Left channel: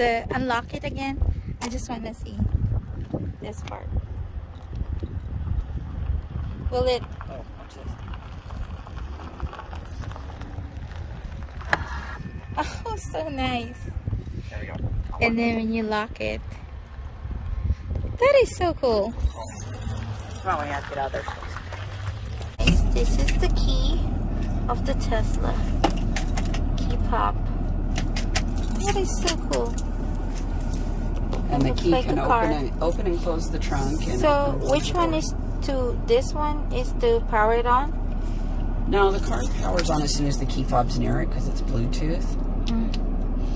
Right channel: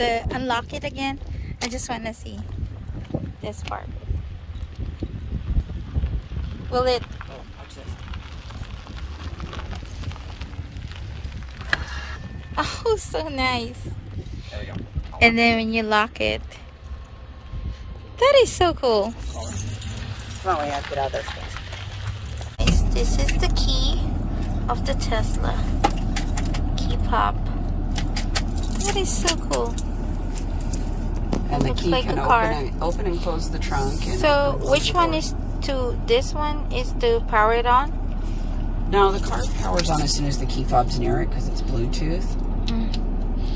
unlock it again. I just want to see this part. Will it? Oh, watch this. Oh, so nice. There we go. And then when you lock it, that is so cool. No, we have to get out there. This is the key of the Tesla. Key pop. That is so cool. And the looks key like can a car. open and close the trunk. And So open and which close one the is to, this one is to power it on? No, the car powers on as soon as the key fob's near it because it's Bluetooth.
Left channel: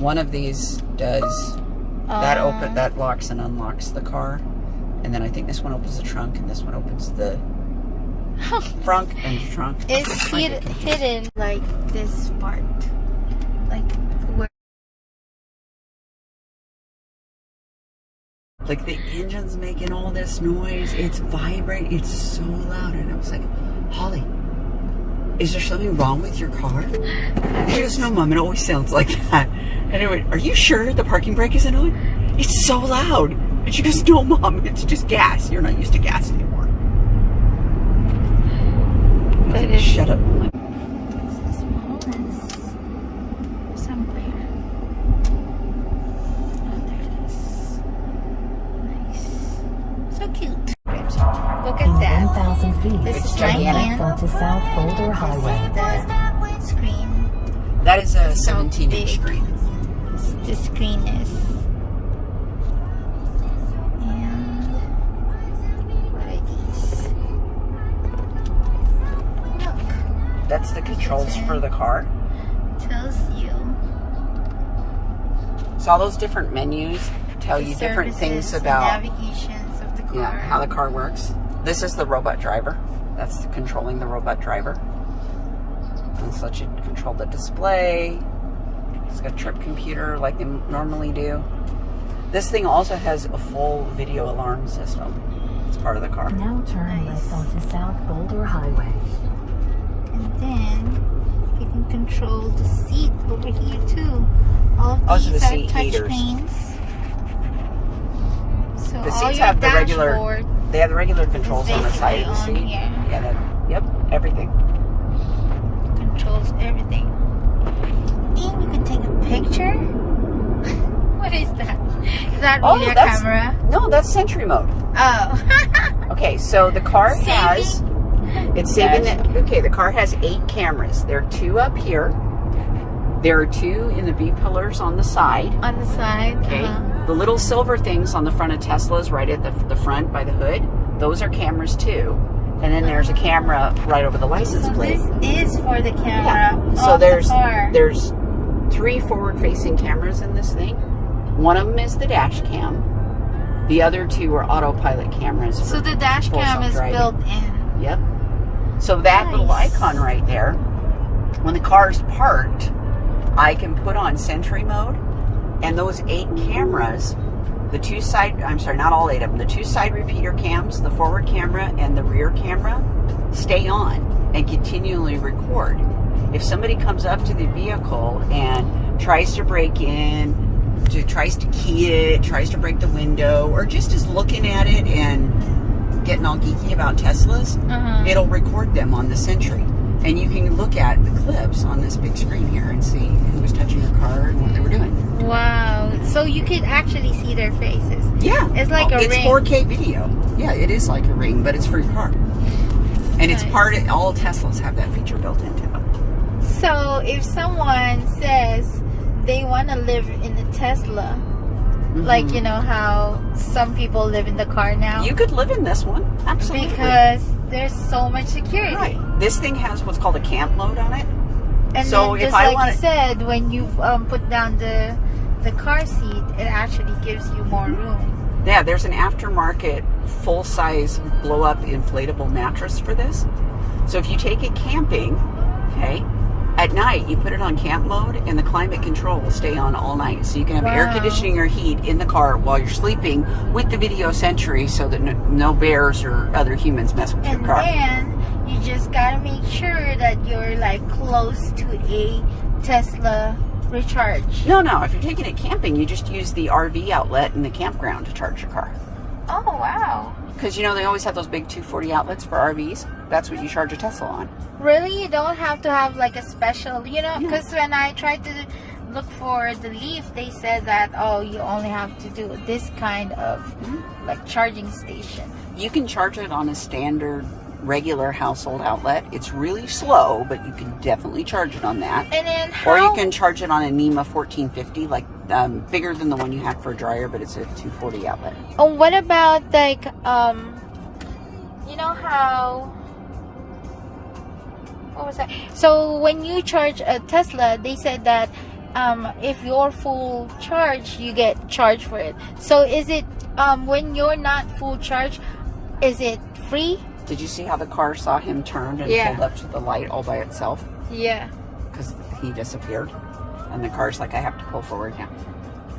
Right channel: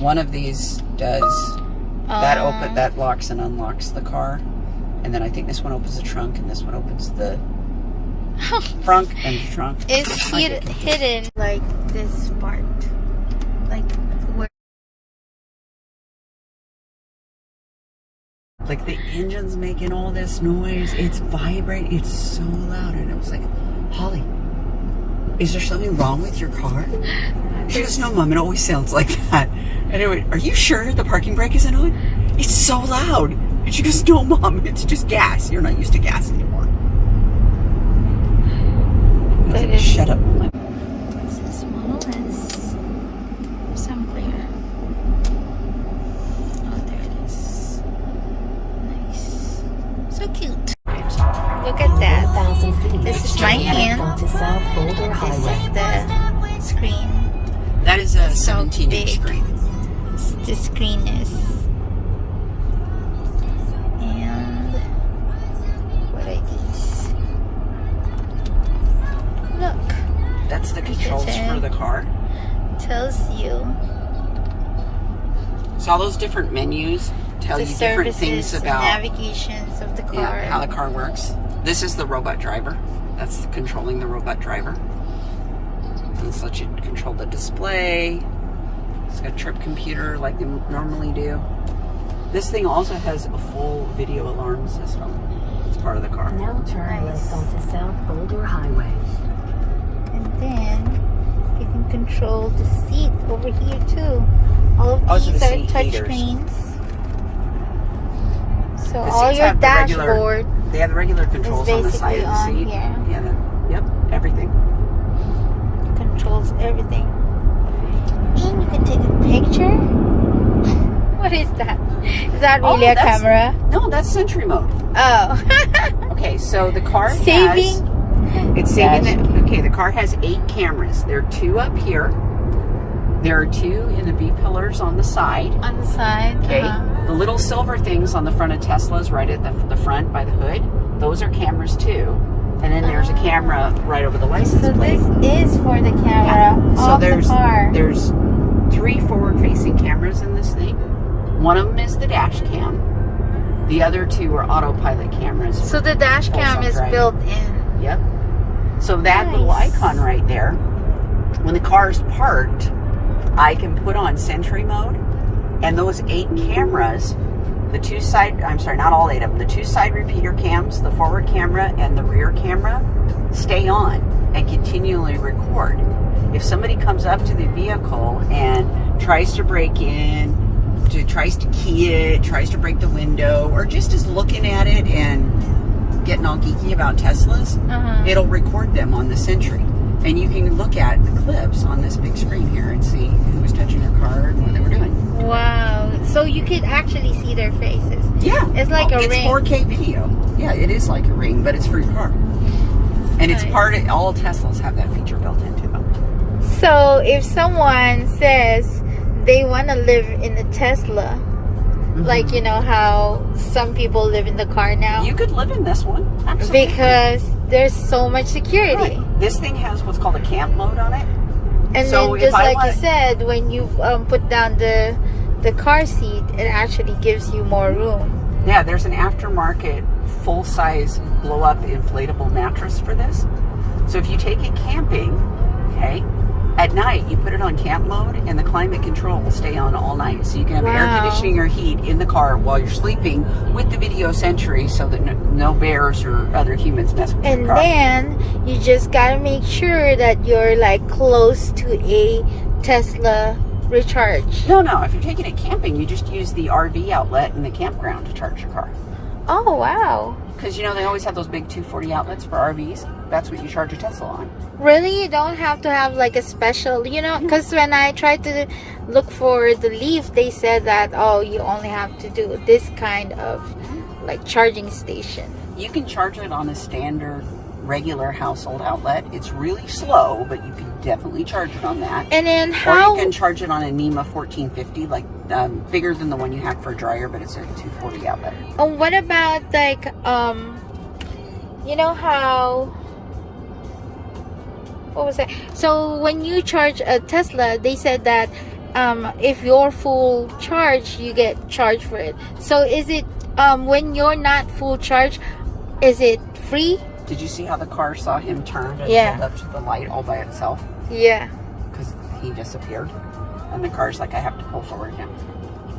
One of these does that locks and unlocks the car, and then I think this one opens the trunk, and this one opens the trunk and trunk. It's hidden like this part, like where. Like the engine's making all this noise. It's vibrating. It's so loud, and it was like, Holly, is there something wrong with your car? She goes, no, Mom, it always sounds like that. Anyway, are you sure the parking brake isn't on? It's so loud. And she goes, no, Mom, it's just gas. You're not used to gas anymore. Shut up. This is smallest. Somewhere. Oh, there it is. Nice. So cute. Look at that. This is my hand. This is the screen. That is a So 17-inch big. screen. The screen is. And what are these? Look, That's the controls for the car. tells you So all those different menus tell the you different things services and about navigations of the car. how the car works. This is the robot driver. That's controlling the robot driver. This lets you control the display. It's got a trip computer like they normally do. This thing also has a full video alarm system. It's part of the car. Now turn left onto South Boulder Highway. And then you can control the seat over here too. All of Also these the are seat touch heaters. screens. So The all seats your have the regular- dashboard They have regular controls on the side basically of the on seat. here. Yeah, yep, everything. controls everything. And you can take a picture. What is that? Is that really a that's- camera? No, that's Sentry mode. Oh. Okay, so the car has... Saving? It's saving it. Okay, the car has 8 cameras. There are 2 up here. There are 2 in the B pillars on the side. On the side. Okay. The little silver things on the front of Tesla's right at the front by the hood. Those are cameras too. And then there's a camera right over the license So plate. this is for the camera. So of there's the car. 3 forward-facing cameras in this thing. One of them is the dash cam. The other 2 are autopilot cameras. So the dash cam is self-driving. built in. Yep. So that Nice. little icon right there, when the car's parked, I can put on Sentry mode, and those 8 cameras, the 2 side, I'm sorry, not all 8 of them, the 2 side repeater cams, the forward camera and the rear camera, stay on and continually record. If somebody comes up to the vehicle and tries to break in, tries to key it, tries to break the window, or just is looking at it and getting all geeky about Teslas, it'll record them on the Sentry. And you can look at the clips on this big screen here and see who was touching your car and what they were doing. Wow. So you could actually see their faces. Yeah. It's like a ring. It's 4K video. Yeah, it is like a ring, but it's for your car. And it's part of, all Teslas have that feature built into them. So if someone says they want to live in a Tesla, like, you know how some people live in the car now? You could live in this one. Absolutely. Because there's so much security. Right. This thing has what's called a camp mode on it. And So then if just I like you wanna- said, when you put down the car seat, it actually gives you more room. Yeah, there's an aftermarket full-size blow-up inflatable mattress for this. So if you take it camping, okay, at night you put it on camp mode and the climate control will stay on all night. So you can have air Wow. conditioning or heat in the car while you're sleeping with the video Sentry so that no bears or other humans mess with And your car. then you just gotta make sure that you're like close to a Tesla recharge? No. If you're taking it camping, you just use the RV outlet in the campground to charge your car. Oh, wow. Because, you know, they always have those big 240 outlets for RVs. That's what you charge a Tesla on. Really? You don't have to have like a special, you know, because when I tried to look for the Leaf, they said that, oh, you only have to do this kind of like charging station. You can charge it on a standard regular household outlet. It's really slow, but you can definitely charge it on that. And then how? Or you can charge it on a NEMA 1450, like bigger than the one you have for a dryer, but it's a 240 outlet. Oh, what about like you know how? What was that? So when you charge a Tesla, they said that if you're full charge, you get charged for it. So is it when you're not full charge, is it free? Did you see how the car saw him turn and pulled up to the light all by itself? Yeah. Because he disappeared. And the car's like, I have to pull forward now.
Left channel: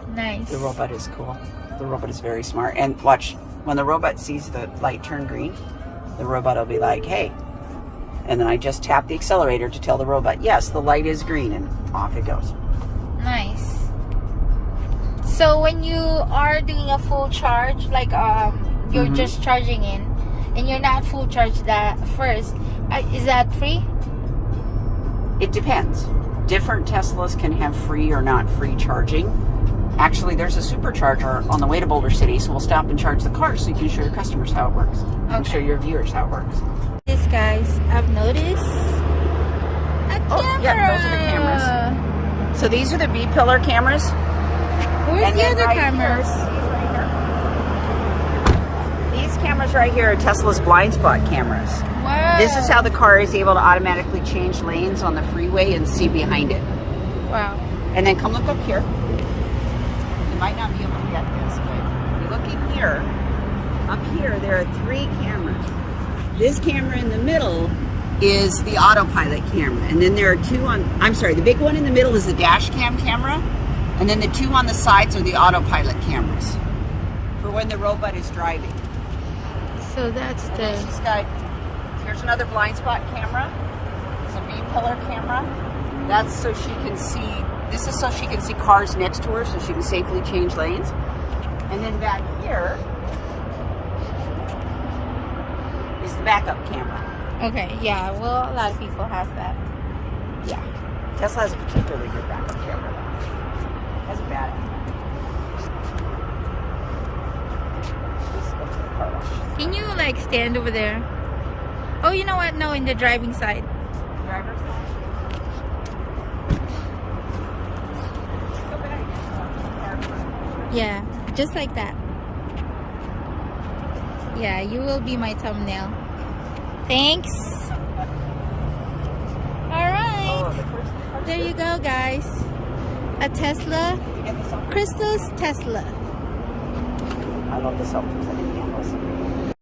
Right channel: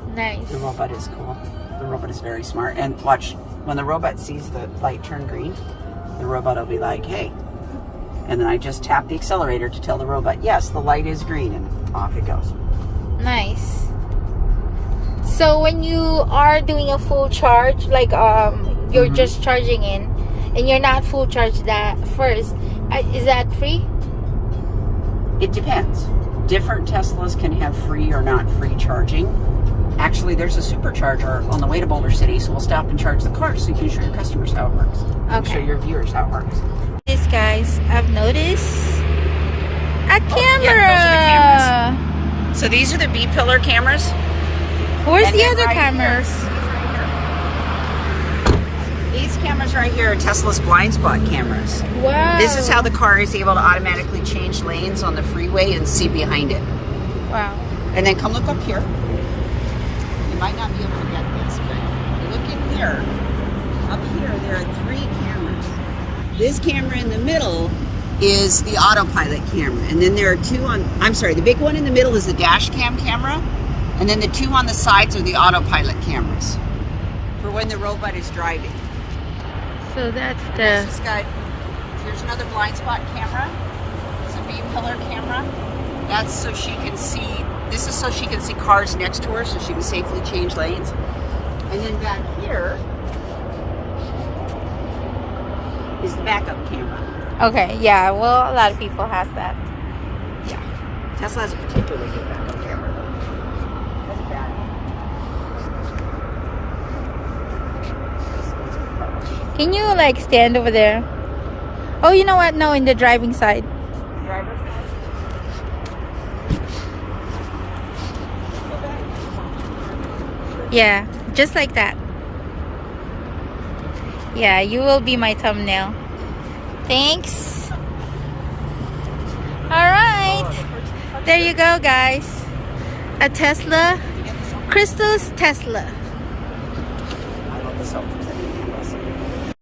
Nice. The robot is cool. The robot is very smart. And watch, when the robot sees the light turn green, the robot will be like, hey. And then I just tap the accelerator to tell the robot, yes, the light is green, and off it goes. Nice. So when you are doing a full charge, like you're just charging in, and you're not full charge that first, is that free? It depends. Different Teslas can have free or not free charging. Actually, there's a supercharger on the way to Boulder City, so we'll stop and charge the car so you can show your customers how it works. And show your viewers how it works. This, guys, I've noticed a camera. Oh, yeah, those are the cameras. So these are the B-pillar cameras. Where's the other cameras? These cameras right here are Tesla's blind spot cameras. Wow. This is how the car is able to automatically change lanes on the freeway and see behind it. Wow. And then come look up here. You might not be able to get this, but if you look in here, up here, there are 3 cameras. This camera in the middle is the autopilot camera. And then there are 2 the big one in the middle is the dash cam camera. And then the 2 on the sides are the autopilot cameras for when the robot is driving. So that's There's this guy. There's another blind spot camera. It's a B-pillar camera. That's so she can see. This is so she can see cars next to her, so she can safely change lanes. And then back here is the backup camera. Okay, yeah. Well, a lot of people have that. Yeah, Tesla has a particularly good backup camera. That's bad. Let's go to the car wash. Can you like stand over there? Oh, you know what? No, in the driving side. Yeah, just like that. Yeah, you will be my thumbnail. Thanks. Alright. There you go, guys. A Tesla. Crystal's Tesla. I love the selfies.